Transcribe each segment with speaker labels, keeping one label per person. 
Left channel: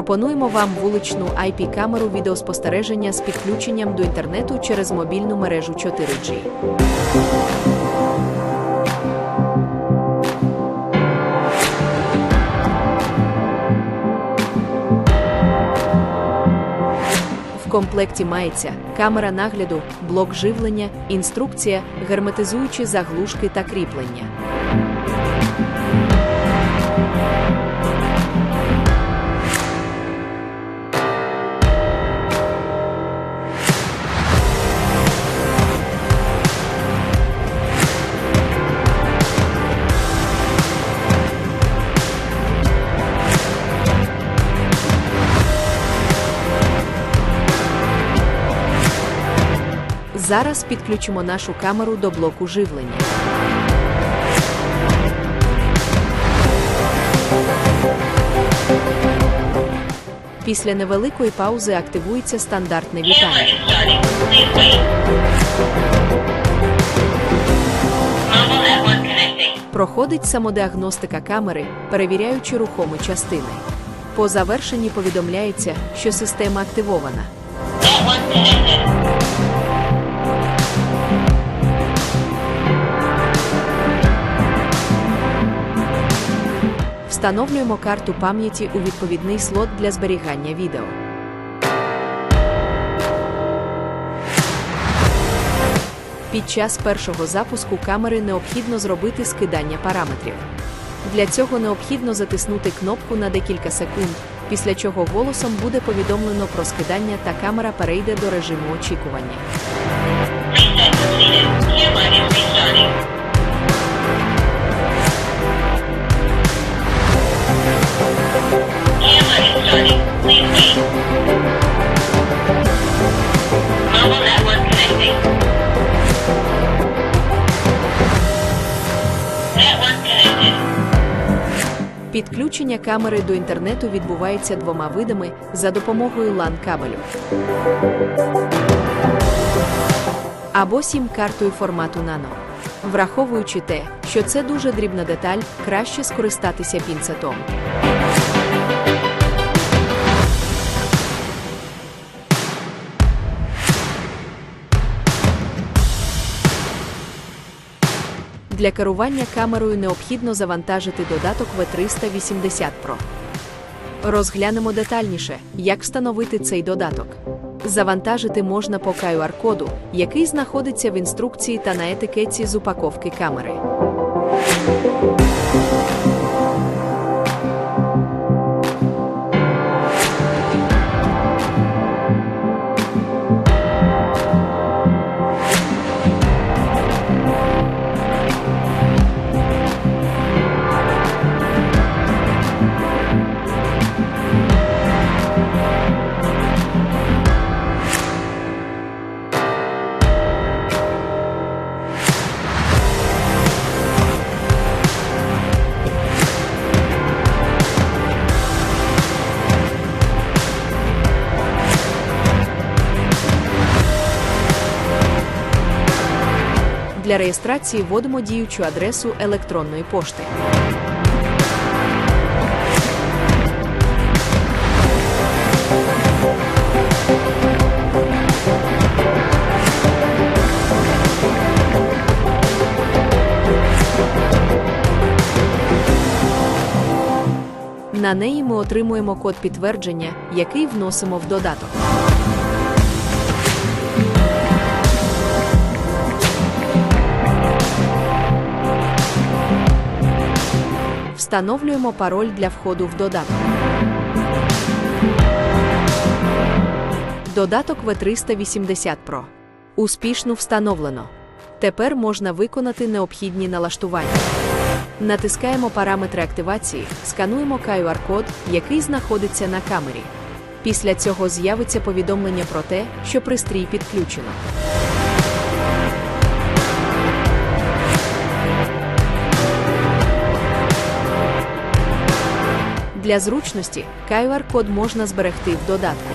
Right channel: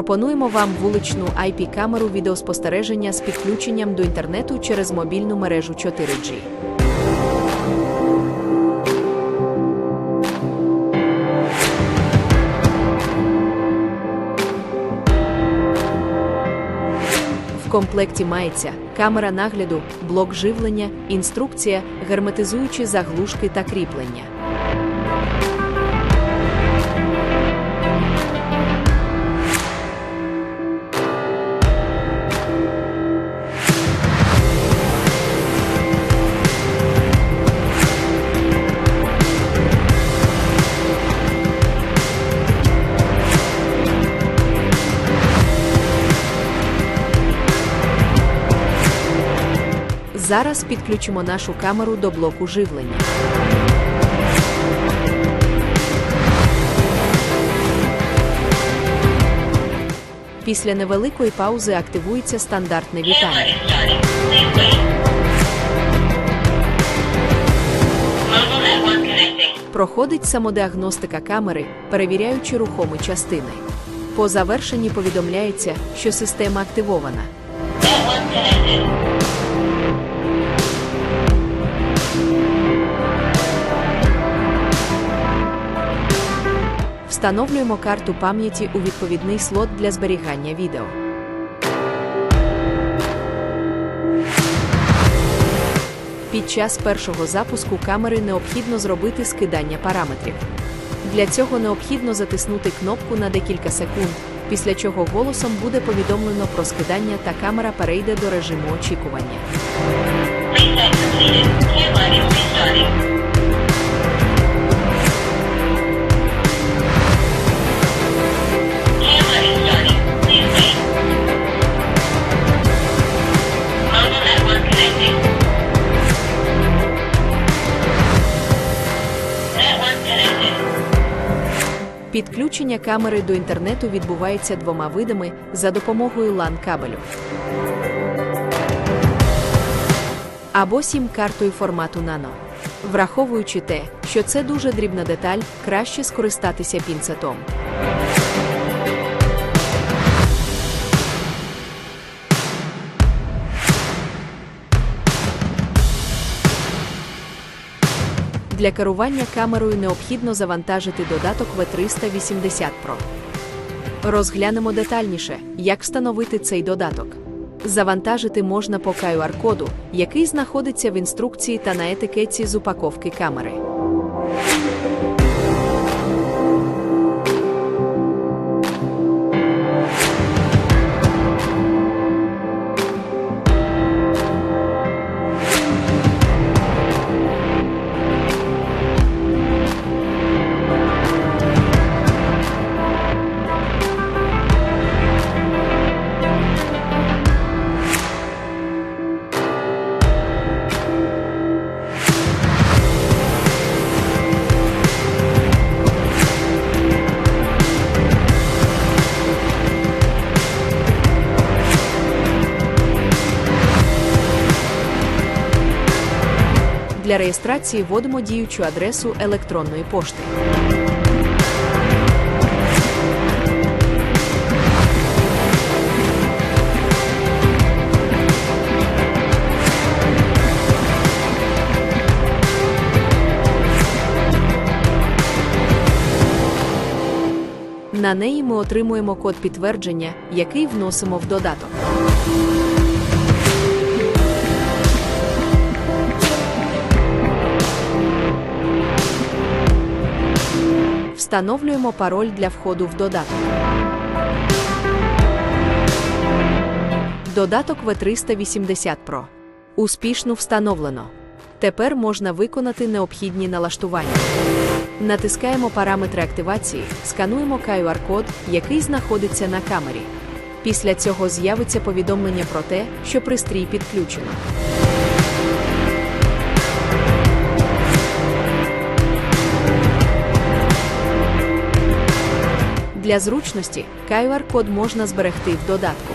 Speaker 1: Пропонуємо вам вуличну IP-камеру відеоспостереження з підключенням до інтернету через мобільну мережу 4G. В комплекті мається камера нагляду, блок живлення, інструкція, герметизуючі заглушки та кріплення. Зараз підключимо нашу камеру до блоку живлення. Після невеликої паузи активується стандартне вітання. Проходить самодіагностика камери, перевіряючи рухомі частини. По завершенні повідомляється, що система активована. Встановлюємо карту пам'яті у відповідний слот для зберігання відео. Під час першого запуску камери необхідно зробити скидання параметрів. Для цього необхідно затиснути кнопку на декілька секунд, після чого голосом буде повідомлено про скидання та камера перейде до режиму очікування. Підключення камери до інтернету відбувається двома видами за допомогою LAN кабелю. Або сім-картою формату нано. Враховуючи те, що це дуже дрібна деталь, краще скористатися пінцетом. Для керування камерою необхідно завантажити додаток V380 Pro. Розглянемо детальніше, як встановити цей додаток. Завантажити можна по QR-коду, який знаходиться в інструкції та на етикетці з упаковки камери. Для реєстрації вводимо діючу адресу електронної пошти. На неї ми отримуємо код підтвердження, який вносимо в додаток. Встановлюємо пароль для входу в додаток. Додаток V380 Pro. Успішно встановлено. Тепер можна виконати необхідні налаштування. Натискаємо параметри активації, скануємо QR-код, який знаходиться на камері. Після цього з'явиться повідомлення про те, що пристрій підключено. Для зручності QR-код можна зберегти в додатку.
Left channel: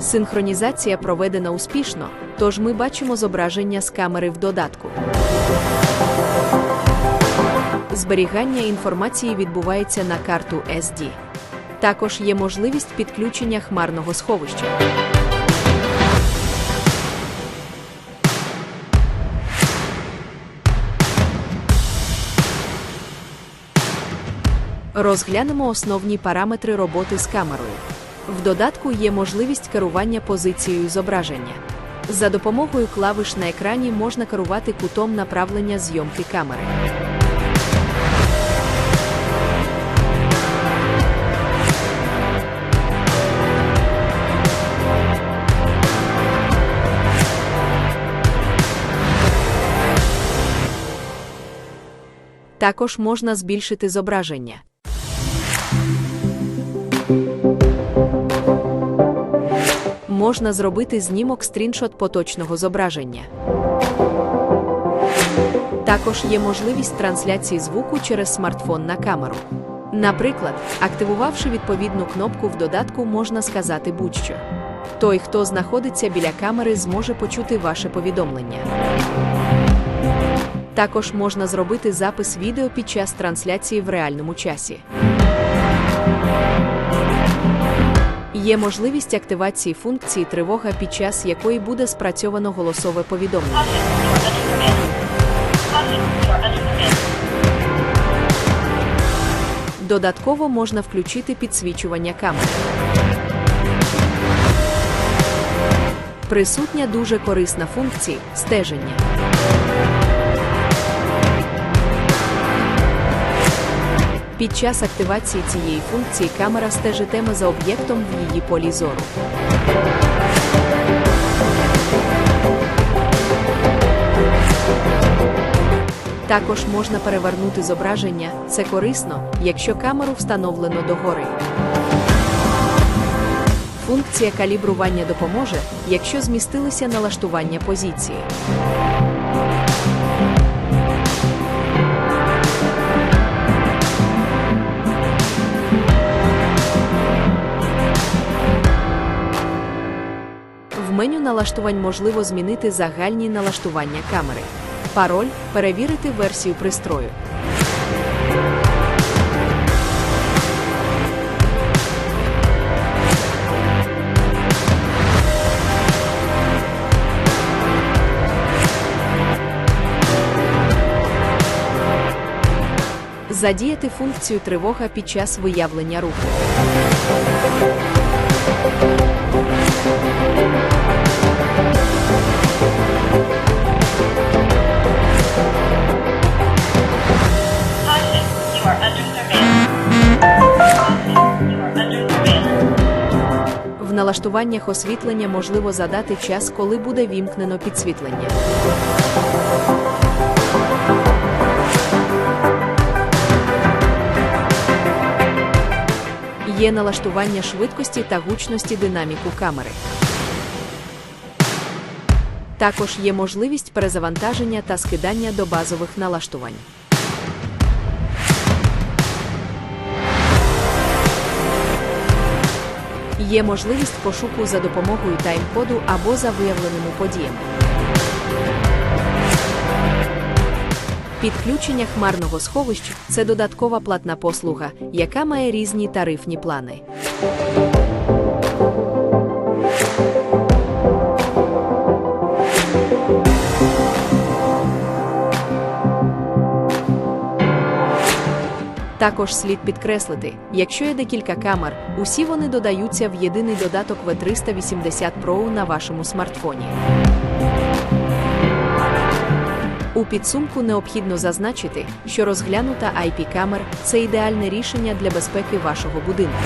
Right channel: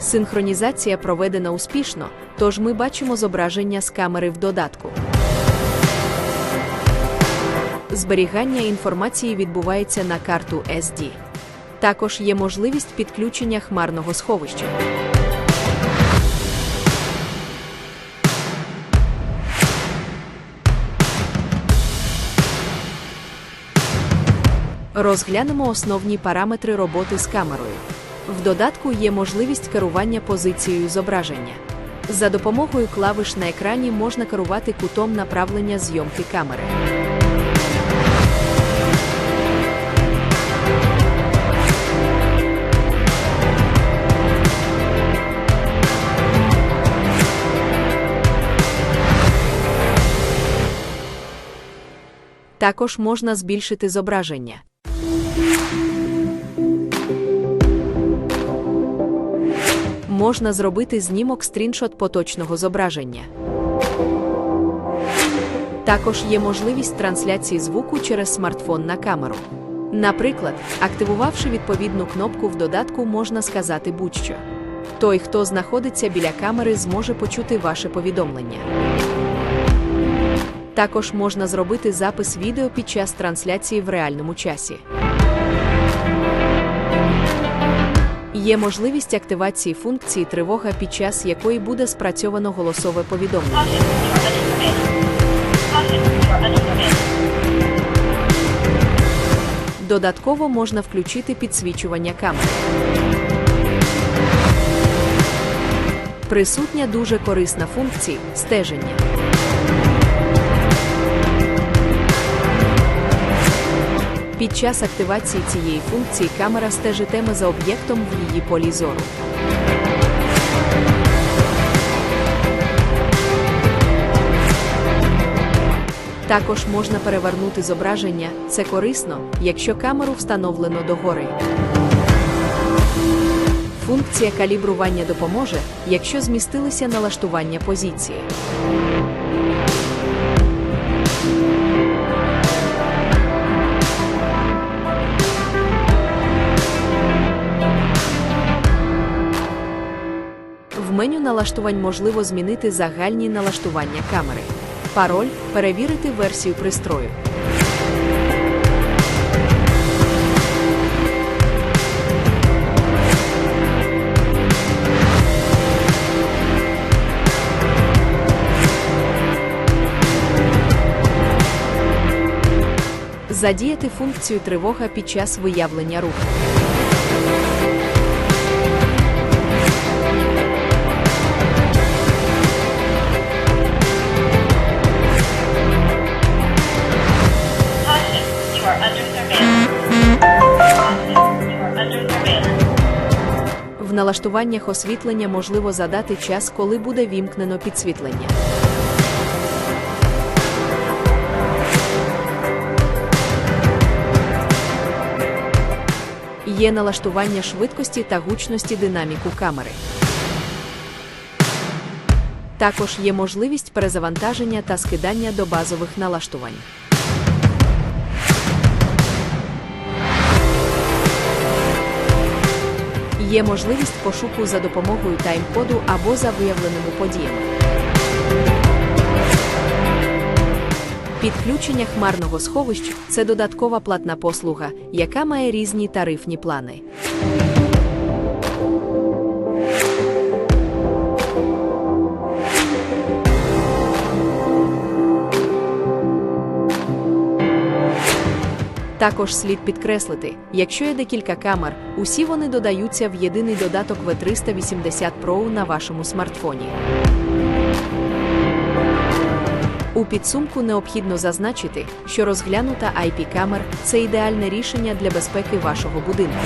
Speaker 1: Синхронізація проведена успішно, тож ми бачимо зображення з камери в додатку. Зберігання інформації відбувається на карту SD. Також є можливість підключення хмарного сховища. Розглянемо основні параметри роботи з камерою. В додатку є можливість керування позицією зображення. За допомогою клавиш на екрані можна керувати кутом направлення зйомки камери. Також можна збільшити зображення. Можна зробити знімок стріншот поточного зображення. Також є можливість трансляції звуку через смартфон на камеру. Наприклад, активувавши відповідну кнопку в додатку, можна сказати будь-що. Той, хто знаходиться біля камери, зможе почути ваше повідомлення. Також можна зробити запис відео під час трансляції в реальному часі. Є можливість активації функції тривога, під час якої буде спрацьовано голосове повідомлення. Додатково можна включити підсвічування камери. Присутня дуже корисна функція стеження. Під час активації цієї функції камера стежитиме за об'єктом в її полі зору. Також можна перевернути зображення, це корисно, якщо камеру встановлено догори. Функція калібрування допоможе, якщо змістилися налаштування позиції. Меню налаштувань можливо змінити загальні налаштування камери. Пароль перевірити версію пристрою. Задіяти функцію тривога під час виявлення руху. Налаштуваннях освітлення можливо задати час, коли буде вімкнено підсвітлення. Є налаштування швидкості та гучності динаміку камери. Також є можливість перезавантаження та скидання до базових налаштувань. Є можливість пошуку за допомогою тайм-коду або за виявленими подіями. Підключення хмарного сховища це додаткова платна послуга, яка має різні тарифні плани. Також слід підкреслити, якщо є декілька камер, усі вони додаються в єдиний додаток V380 Pro на вашому смартфоні. У підсумку необхідно зазначити, що розглянута IP-камер це ідеальне рішення для безпеки вашого будинку.